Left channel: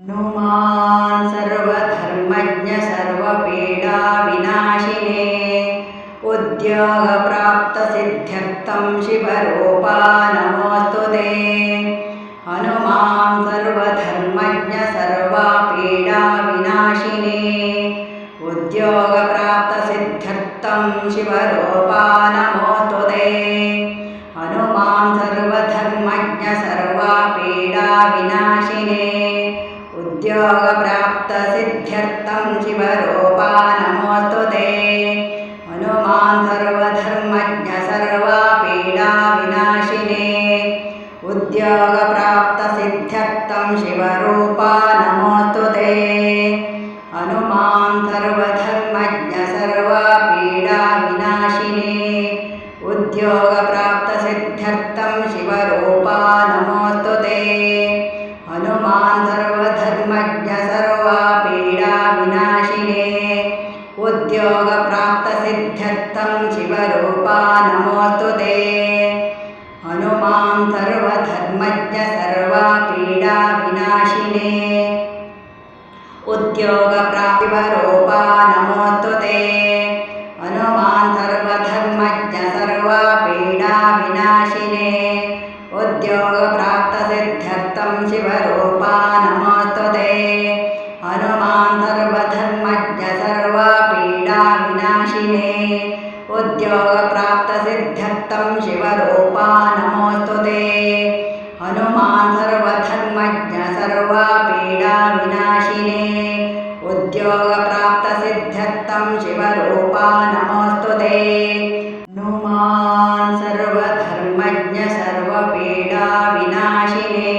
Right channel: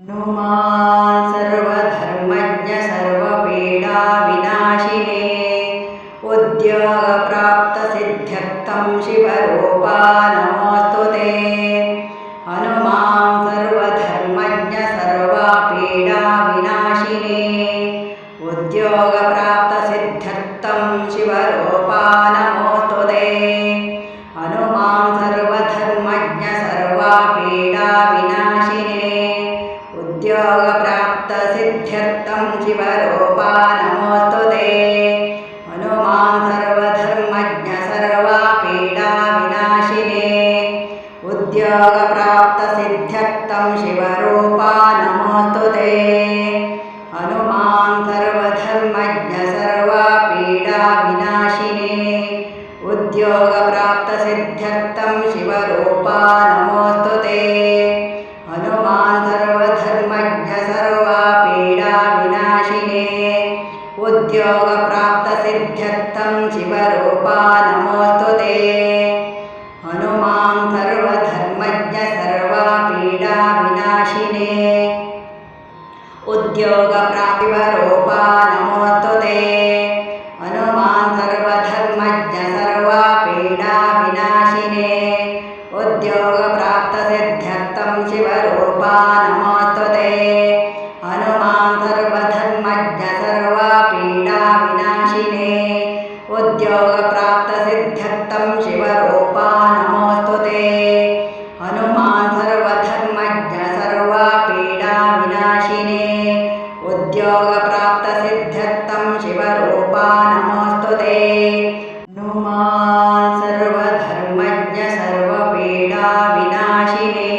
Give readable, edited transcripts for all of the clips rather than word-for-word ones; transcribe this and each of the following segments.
हनुमान् सर्वधर्मज्ञ सर्वपीडाविनाशिने उद्योगप्राप्तसिद्ध्यर्थं शिवरूपा नमोऽस्तु ते। हनुमान् सर्वधर्मज्ञ सर्वपीडाविनाशिने उद्योगप्राप्तसिद्ध्यर्थं शिवरूपा नमोऽस्तु ते। हनुमान् सर्वधर्मज्ञ सर्वपीडाविनाशिने उद्योगप्राप्तसिद्ध्यर्थं शिवरूपा नमोऽस्तु ते। हनुमान् सर्वधर्मज्ञ सर्वपीडाविनाशिने उद्योगप्राप्तसिद्ध्यर्थं शिवरूपा नमोऽस्तु ते। हनुमान् सर्वधर्मज्ञ सर्वपीडाविनाशिने उद्योगप्राप्तसिद्ध्यर्थं शिवरूपा नमोऽस्तु ते। हनुमान् सर्वधर्मज्ञ सर्वपीडाविनाशिने उद्योगप्राप्तसिद्ध्यर्थं शिवरूपा नमोऽस्तु ते। हनुमान् सर्वधर्मज्ञ सर्वपीडाविनाशिने उद्योगप्राप्तिवरूपा नमोऽस्तु ते। हनुमान् सर्वधर्मज्ञ सर्वपीडाविनाशिने उद्योगप्राप्तसिद्ध्यर्थं शिवरूपा नमोऽस्तु ते। हनुमान् सर्वधर्मज्ञ सर्वपीडाविनाशिने उद्योगप्राप्तसिद्ध्यर्थं शिवरूपा नमोऽस्तु ते। हनुमान् सर्वधर्मज्ञ सर्वपीडाविनाशिने उद्योगप्राप्तसिद्ध्यर्थं शिवरूपा नमोऽस्तु ते। हनुमान् सर्वधर्मज्ञ सर्वपीडाविनाशिने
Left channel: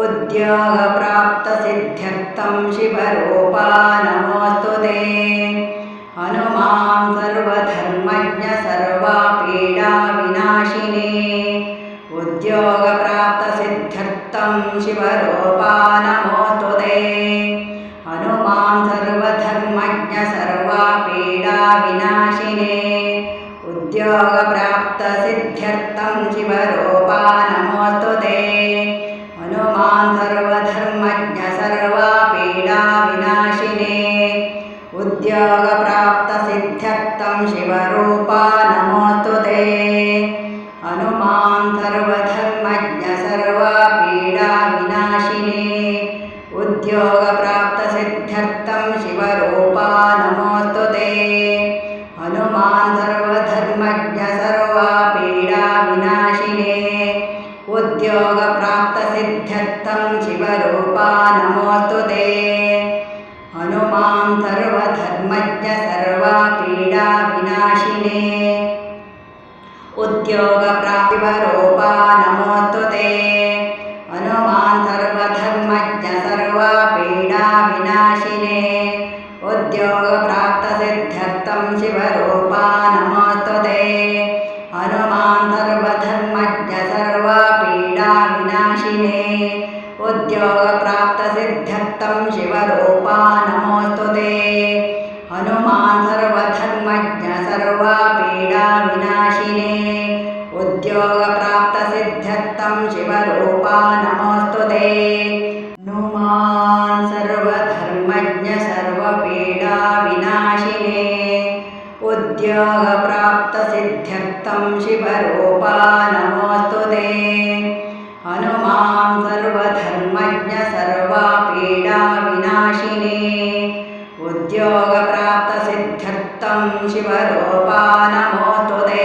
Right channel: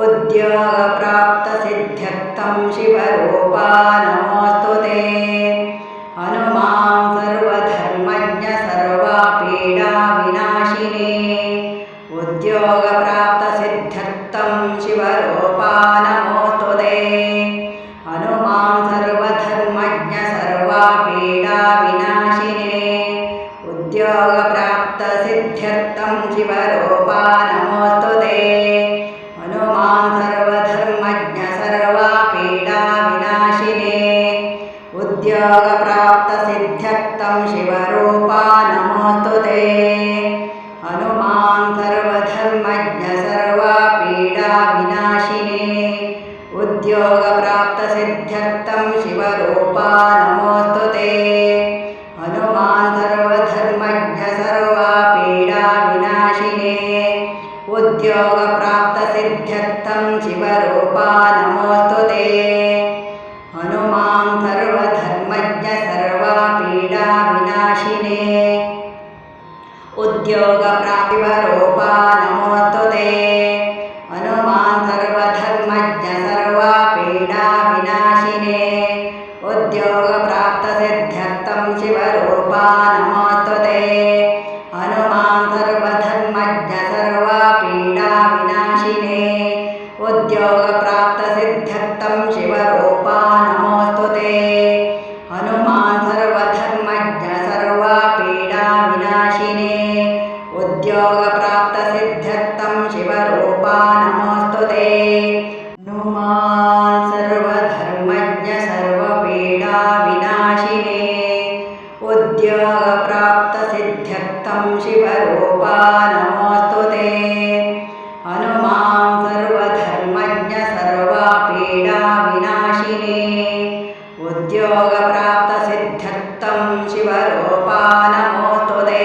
उद्योगप्राप्तसिद्ध्यर्थं शिवरूपा नमोऽस्तु ते। हनुमान् सर्वधर्मज्ञ सर्वपीडाविनाशिने उद्योगप्राप्तसिद्ध्यर्थं शिवरूपा नमोऽस्तु ते। हनुमान् सर्वधर्मज्ञ सर्वपीडाविनाशिने उद्योगप्राप्तसिद्ध्यर्थं शिवरूपा नमोऽस्तु ते। हनुमान् सर्वधर्मज्ञ सर्वपीडाविनाशिने उद्योगप्राप्तसिद्ध्यर्थं शिवरूपा नमोऽस्तु ते। हनुमान् सर्वधर्मज्ञ सर्वपीडाविनाशिने उद्योगप्राप्तसिद्ध्यर्थं शिवरूपा नमोऽस्तु ते। हनुमान् सर्वधर्मज्ञ सर्वपीडाविनाशिने उद्योगप्राप्तसिद्ध्यर्थं शिवरूपा नमोऽस्तु ते। हनुमान् सर्वधर्मज्ञ सर्वपीडाविनाशिने उद्योगप्राप्तिवरूपा नमोऽस्तु ते। हनुमान् सर्वधर्मज्ञ सर्वपीडाविनाशिने उद्योगप्राप्तसिद्ध्यर्थं शिवरूपा नमोऽस्तु ते। हनुमान् सर्वधर्मज्ञ सर्वपीडाविनाशिने उद्योगप्राप्तसिद्ध्यर्थं शिवरूपा नमोऽस्तु ते। हनुमान् सर्वधर्मज्ञ सर्वपीडाविनाशिने उद्योगप्राप्तसिद्ध्यर्थं शिवरूपा नमोऽस्तु ते। हनुमान् सर्वधर्मज्ञ सर्वपीडाविनाशिने उद्योगप्राप्तसिद्ध्यर्थं शिवरूपा नमोऽस्तु ते। हनुमान् सर्वधर्मज्ञ सर्वपीडाविनाशिने उद्योगप्राप्तसिद्ध्यर्थं शिवरूपा नमोऽस्तु ते।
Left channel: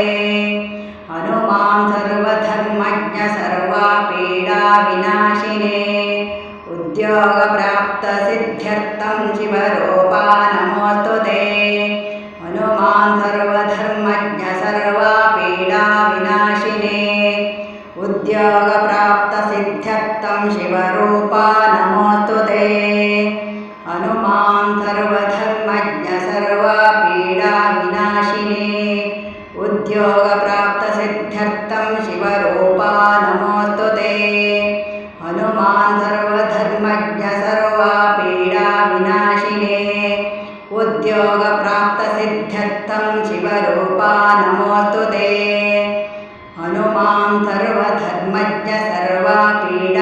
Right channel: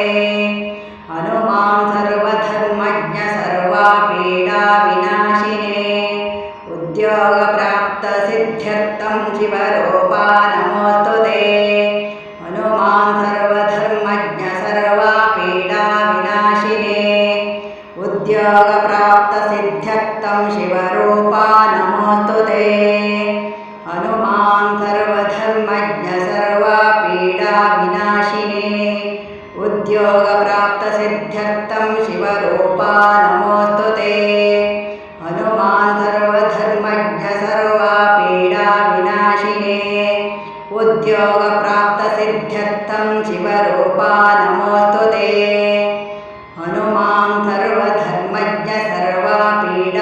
हनुमान् सर्वधर्मज्ञ सर्वपीडाविनाशिने उद्योगप्राप्तसिद्ध्यर्थं शिवरूपा नमोऽस्तु ते। हनुमान् सर्वधर्मज्ञ सर्वपीडाविनाशिने उद्योगप्राप्तसिद्ध्यर्थं शिवरूपा नमोऽस्तु ते। हनुमान् सर्वधर्मज्ञ सर्वपीडाविनाशिने उद्योगप्राप्तसिद्ध्यर्थं शिवरूपा नमोऽस्तु ते। हनुमान् सर्वधर्मज्ञ सर्वपीडाविनाशिने उद्योगप्राप्तसिद्ध्यर्थं शिवरूपा नमोऽस्तु ते। हनुमान् सर्वधर्मज्ञ सर्वपीडाविनाशिने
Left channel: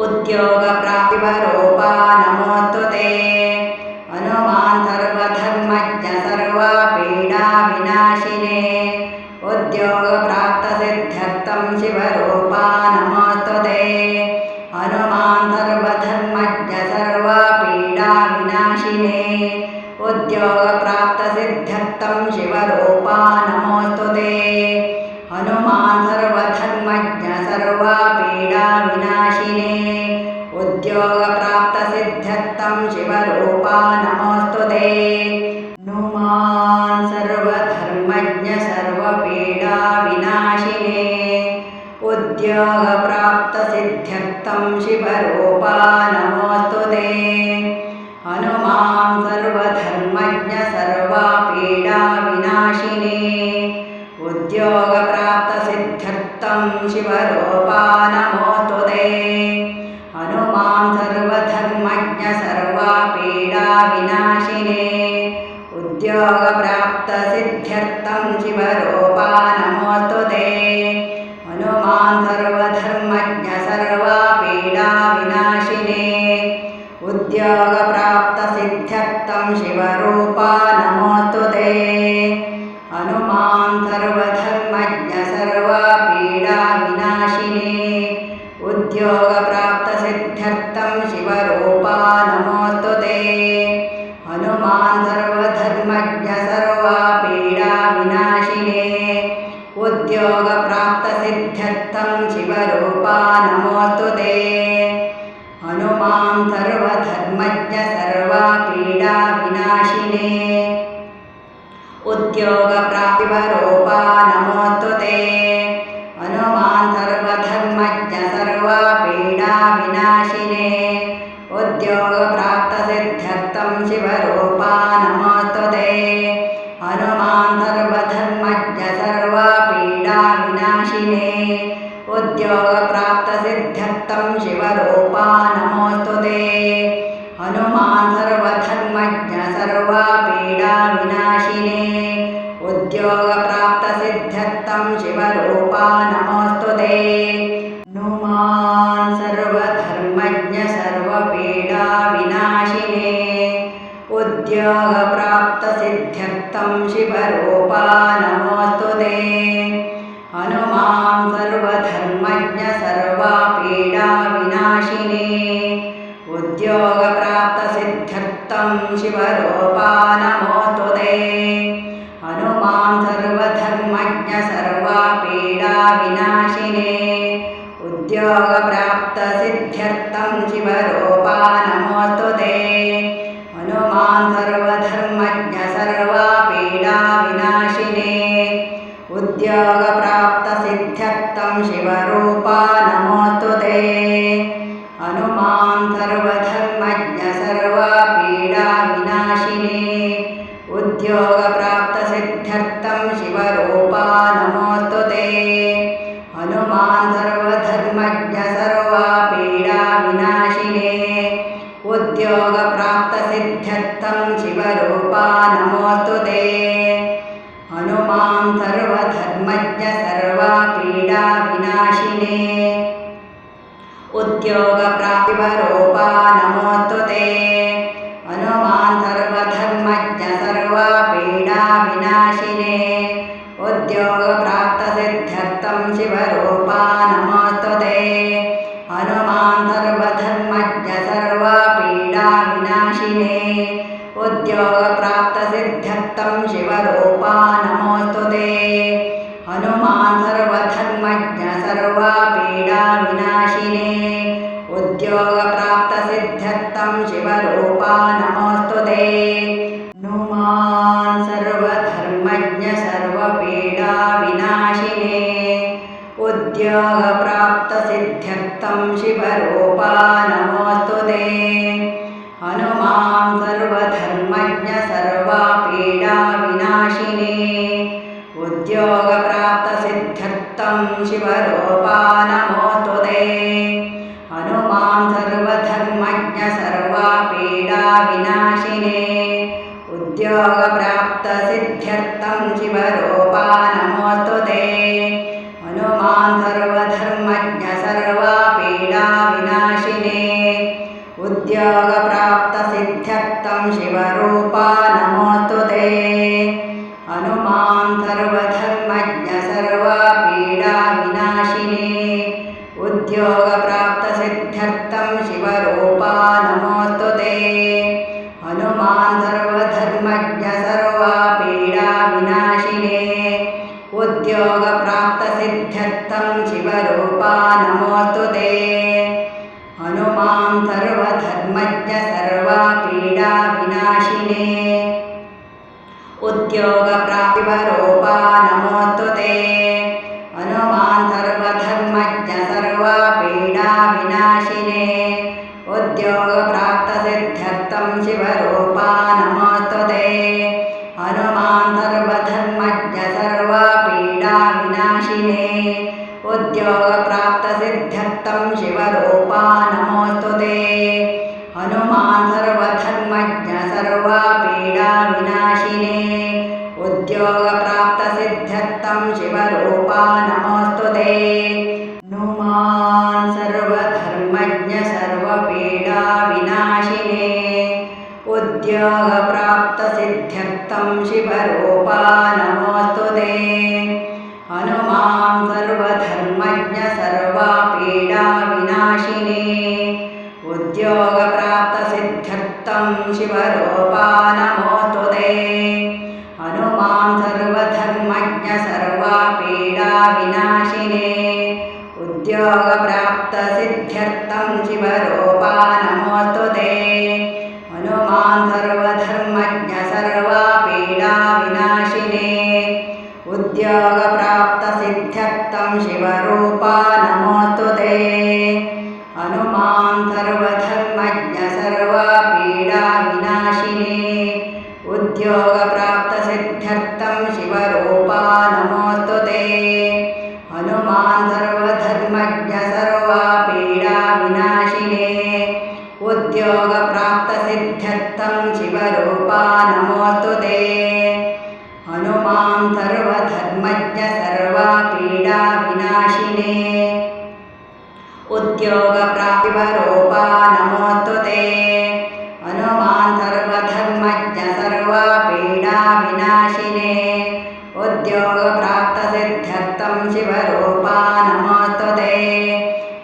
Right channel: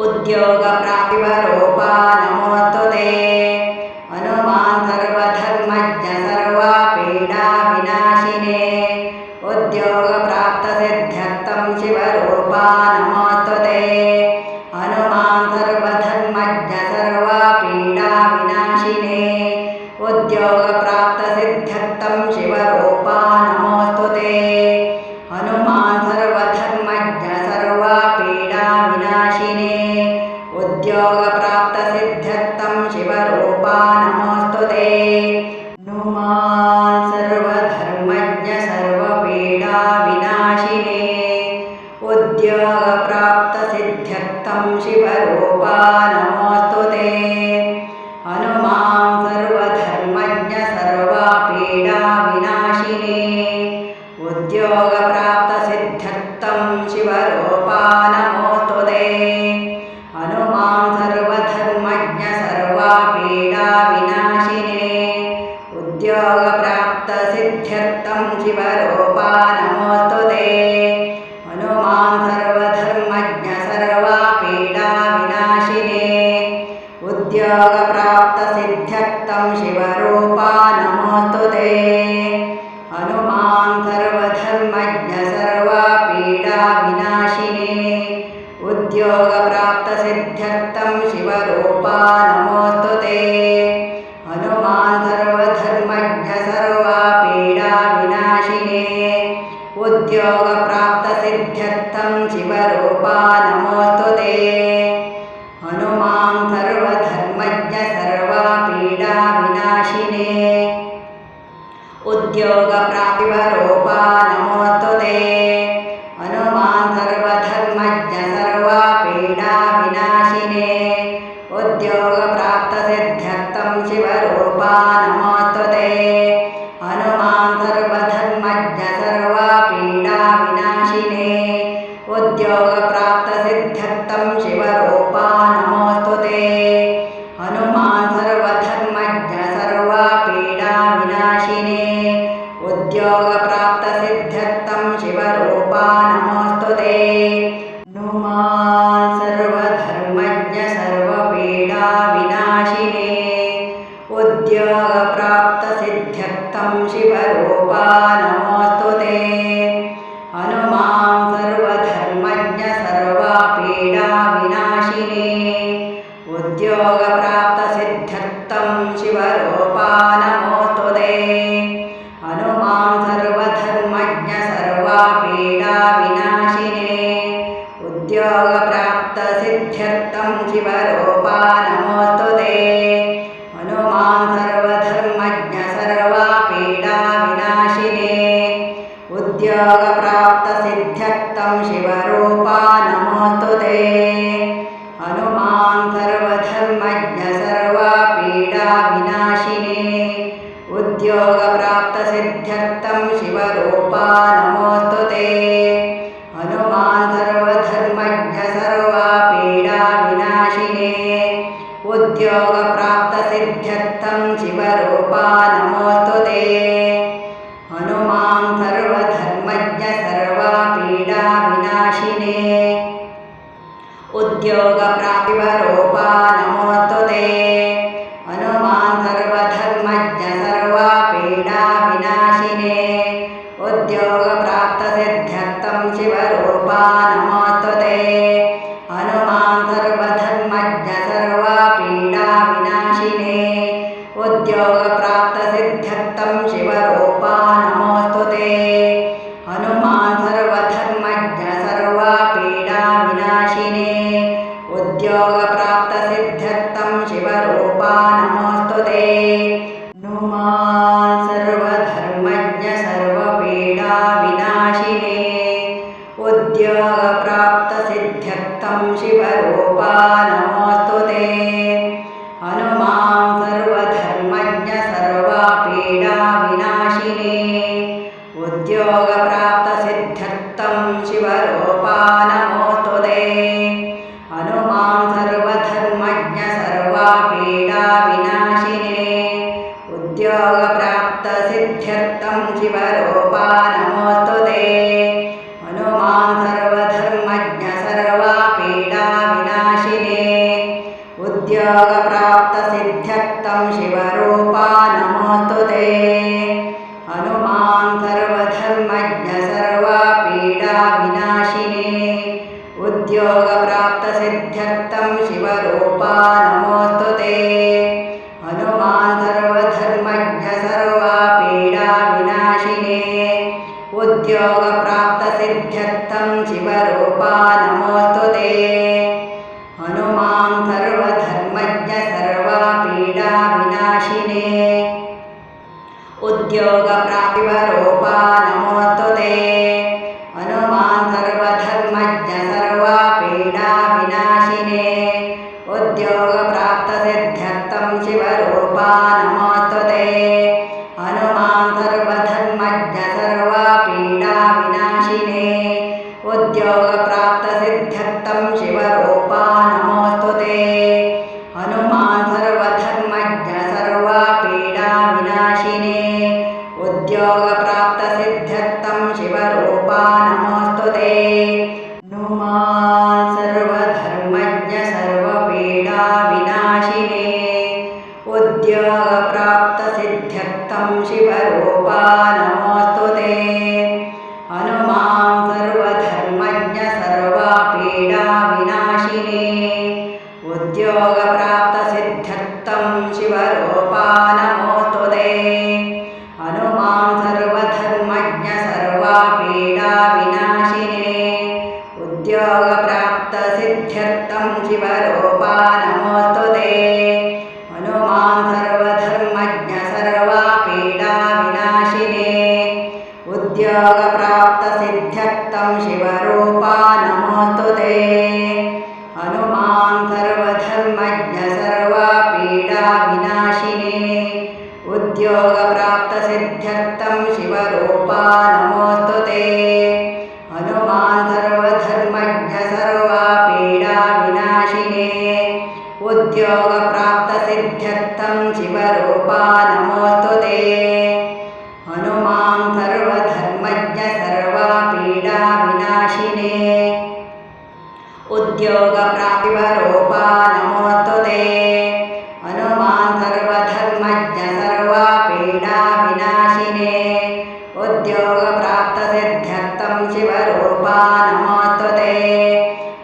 उद्योगप्राप्तिवरूपा नमोऽस्तु ते हनुमान् सर्वधर्मज्ञ सर्वपीडाविनाशिने उद्योगप्राप्तसिद्ध्यर्थं शिवरूपा नमोऽस्तु ते हनुमान् सर्वधर्मज्ञ सर्वपीडाविनाशिने उद्योगप्राप्तसिद्ध्यर्थं शिवरूपा नमोऽस्तु ते हनुमान् सर्वधर्मज्ञ सर्वपीडाविनाशिने उद्योगप्राप्तसिद्ध्यर्थं शिवरूपा नमोऽस्तु ते हनुमान् सर्वधर्मज्ञ सर्वपीडाविनाशिने उद्योगप्राप्तसिद्ध्यर्थं शिवरूपा नमोऽस्तु ते हनुमान् सर्वधर्मज्ञ सर्वपीडाविनाशिने उद्योगप्राप्तसिद्ध्यर्थं शिवरूपा नमोऽस्तु ते हनुमान् सर्वधर्मज्ञ सर्वपीडाविनाशिने उद्योगप्राप्तसिद्ध्यर्थं शिवरूपा नमोऽस्तु ते हनुमान् सर्वधर्मज्ञ सर्वपीडाविनाशिने उद्योगप्राप्तसिद्ध्यर्थं शिवरूपा नमोऽस्तु ते हनुमान् सर्वधर्मज्ञ सर्वपीडाविनाशिने उद्योगप्राप्तसिद्ध्यर्थं शिवरूपा नमोऽस्तु ते हनुमान् सर्वधर्मज्ञ सर्वपीडाविनाशिने उद्योगप्राप्तसिद्ध्यर्थं शिवरूपा नमोऽस्तु ते हनुमान् सर्वधर्मज्ञ सर्वपीडाविनाशिने उद्योगप्राप्तिवरूपा नमोऽस्तु ते हनुमान् सर्वधर्मज्ञ सर्वपीडाविनाशिने उद्योगप्राप्तसिद्ध्यर्थं शिवरूपा नमोऽस्तु ते हनुमान् सर्वधर्मज्ञ सर्वपीडाविनाशिने उद्योगप्राप्तसिद्ध्यर्थं शिवरूपा नमोऽस्तु ते हनुमान् सर्वधर्मज्ञ सर्वपीडाविनाशिने उद्योगप्राप्तसिद्ध्यर्थं शिवरूपा नमोऽस्तु ते हनुमान् सर्वधर्मज्ञ सर्वपीडाविनाशिने उद्योगप्राप्तसिद्ध्यर्थं शिवरूपा नमोऽस्तु ते हनुमान् सर्वधर्मज्ञ सर्वपीडाविनाशिने उद्योगप्राप्तसिद्ध्यर्थं शिवरूपा नमोऽस्तु ते हनुमान् सर्वधर्मज्ञ सर्वपीडाविनाशिने उद्योगप्राप्तसिद्ध्यर्थं शिवरूपा नमोऽस्तु ते हनुमान् सर्वधर्मज्ञ सर्वपीडाविनाशिने उद्योगप्राप्तसिद्ध्यर्थं शिवरूपा नमोऽस्तु ते हनुमान् सर्वधर्मज्ञ सर्वपीडाविनाशिने उद्योगप्राप्तसिद्ध्यर्थं शिवरूपा नमोऽस्तु ते हनुमान् सर्वधर्मज्ञ सर्वपीडाविनाशिने उद्योगप्राप्तसिद्ध्यर्थं शिवरूपा नमोऽस्तु ते हनुमान् सर्वधर्मज्ञ सर्वपीडाविनाशिने उद्योगप्राप्तिवरूपा नमोऽस्तु ते हनुमान् सर्वधर्मज्ञ सर्वपीडाविनाशिने उद्योगप्राप्तसिद्ध्यर्थं शिवरूपा नमोऽस्तु ते हनुमान् सर्वधर्मज्ञ सर्वपीडाविनाशिने उद्योगप्राप्तसिद्ध्यर्थं शिवरूपा नमोऽस्तु ते हनुमान् सर्वधर्मज्ञ सर्वपीडाविनाशिने उद्योगप्राप्तसिद्ध्यर्थं शिवरूपा नमोऽस्तु ते हनुमान् सर्वधर्मज्ञ सर्वपीडाविनाशिने उद्योगप्राप्तसिद्ध्यर्थं शिवरूपा नमोऽस्तु ते हनुमान् सर्वधर्मज्ञ सर्वपीडाविनाशिने उद्योगप्राप्तसिद्ध्यर्थं शिवरूपा नमोऽस्तु ते हनुमान् सर्वधर्मज्ञ सर्वपीडाविनाशिने उद्योगप्राप्तसिद्ध्यर्थं शिवरूपा नमोऽस्तु ते हनुमान् सर्वधर्मज्ञ सर्वपीडाविनाशिने उद्योगप्राप्तसिद्ध्यर्थं शिवरूपा नमोऽस्तु ते हनुमान् सर्वधर्मज्ञ सर्वपीडाविनाशिने उद्योगप्राप्तसिद्ध्यर्थं शिवरूपा नमोऽस्तु ते हनुमान् सर्वधर्मज्ञ सर्वपीडाविनाशिने उद्योगप्राप्तसिद्ध्यर्थं शिवरूपा नमोऽस्तु ते हनुमान् सर्वधर्मज्ञ सर्वपीडाविनाशिने उद्योगप्राप्तिवरूपा नमोऽस्तु ते हनुमान् सर्वधर्मज्ञ सर्वपीडाविनाशिने उद्योगप्राप्तसिद्ध्यर्थं शिवरूपा नमोऽस्तु ते हनुमान् सर्वधर्मज्ञ सर्वपीडाविनाशिने उद्योगप्राप्तसिद्ध्यर्थं शिवरूपा नमोऽस्तु ते हनुमान् सर्वधर्मज्ञ सर्वपीडाविनाशिने उद्योगप्राप्तसिद्ध्यर्थं शिवरूपा नमोऽस्तु ते हनुमान् सर्वधर्मज्ञ सर्वपीडाविनाशिने उद्योगप्राप्तसिद्ध्यर्थं शिवरूपा नमोऽस्तु ते हनुमान् सर्वधर्मज्ञ सर्वपीडाविनाशिने उद्योगप्राप्तसिद्ध्यर्थं शिवरूपा नमोऽस्तु ते हनुमान् सर्वधर्मज्ञ सर्वपीडाविनाशिने उद्योगप्राप्तसिद्ध्यर्थं शिवरूपा नमोऽस्तु ते हनुमान् सर्वधर्मज्ञ सर्वपीडाविनाशिने उद्योगप्राप्तसिद्ध्यर्थं शिवरूपा नमोऽस्तु ते हनुमान् सर्वधर्मज्ञ सर्वपीडाविनाशिने उद्योगप्राप्तसिद्ध्यर्थं शिवरूपा नमोऽस्तु ते हनुमान् सर्वधर्मज्ञ सर्वपीडाविनाशिने उद्योगप्राप्तसिद्ध्यर्थं शिवरूपा नमोऽस्तु ते हनुमान् सर्वधर्मज्ञ सर्वपीडाविनाशिने उद्योगप्राप्तिवरूपा नमोऽस्तु ते हनुमान् सर्वधर्मज्ञ सर्वपीडाविनाशिने उद्योगप्राप्तसिद्ध्यर्थं शिवरूपा नमोऽस्तु ते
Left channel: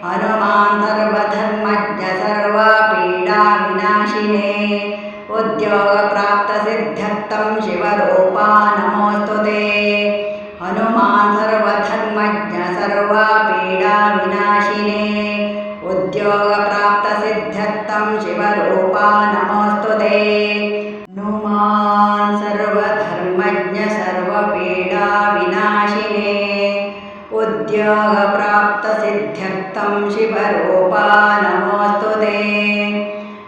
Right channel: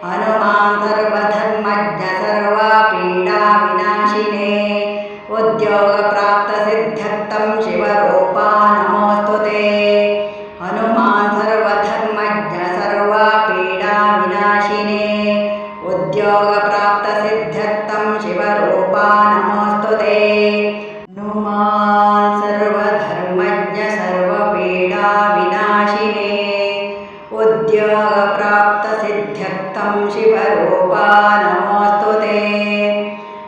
हनुमान् सर्वधर्मज्ञ सर्वपीडाविनाशिने उद्योगप्राप्तसिद्ध्यर्थं शिवरूपा नमोऽस्तु ते हनुमान् सर्वधर्मज्ञ सर्वपीडाविनाशिने उद्योगप्राप्तसिद्ध्यर्थं शिवरूपा नमोऽस्तु ते हनुमान् सर्वधर्मज्ञ सर्वपीडाविनाशिने उद्योगप्राप्तसिद्ध्यर्थं शिवरूपा नमोऽस्तु ते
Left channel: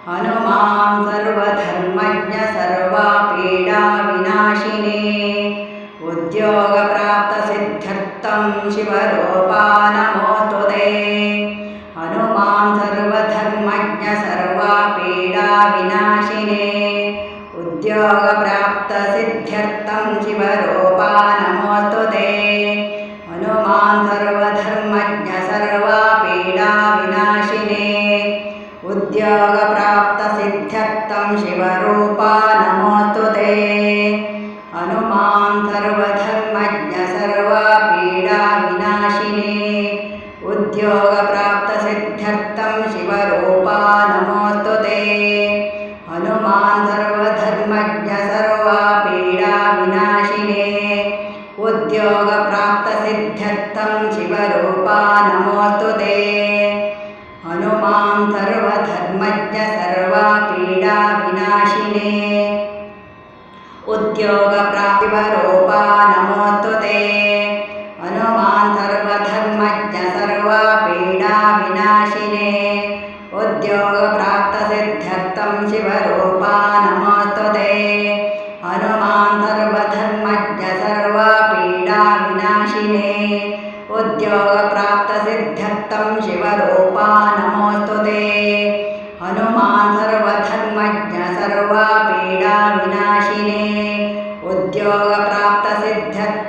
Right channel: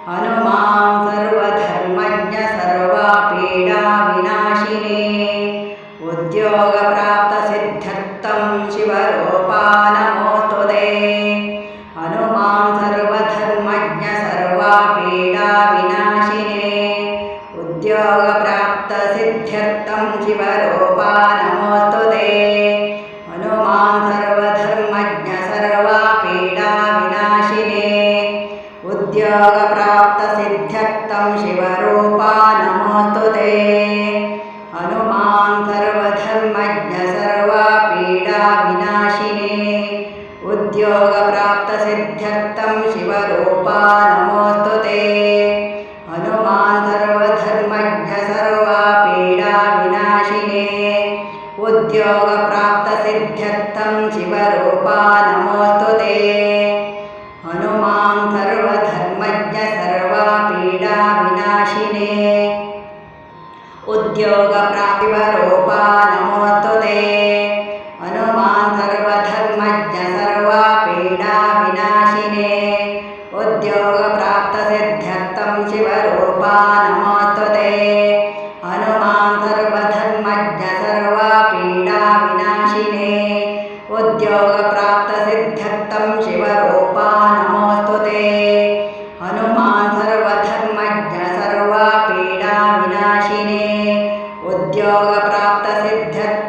हनुमान् सर्वधर्मज्ञ सर्वपीडाविनाशिने उद्योगप्राप्तसिद्ध्यर्थं शिवरूपा नमोऽस्तु ते हनुमान् सर्वधर्मज्ञ सर्वपीडाविनाशिने उद्योगप्राप्तसिद्ध्यर्थं शिवरूपा नमोऽस्तु ते हनुमान् सर्वधर्मज्ञ सर्वपीडाविनाशिने उद्योगप्राप्तसिद्ध्यर्थं शिवरूपा नमोऽस्तु ते हनुमान् सर्वधर्मज्ञ सर्वपीडाविनाशिने उद्योगप्राप्तसिद्ध्यर्थं शिवरूपा नमोऽस्तु ते हनुमान् सर्वधर्मज्ञ सर्वपीडाविनाशिने उद्योगप्राप्तसिद्ध्यर्थं शिवरूपा नमोऽस्तु ते हनुमान् सर्वधर्मज्ञ सर्वपीडाविनाशिने उद्योगप्राप्तिवरूपा नमोऽस्तु ते हनुमान् सर्वधर्मज्ञ सर्वपीडाविनाशिने उद्योगप्राप्तसिद्ध्यर्थं शिवरूपा नमोऽस्तु ते हनुमान् सर्वधर्मज्ञ सर्वपीडाविनाशिने उद्योगप्राप्तसिद्ध्यर्थं शिवरूपा नमोऽस्तु ते हनुमान् सर्वधर्मज्ञ सर्वपीडाविनाशिने उद्योगप्राप्तसिद्ध्यर्थं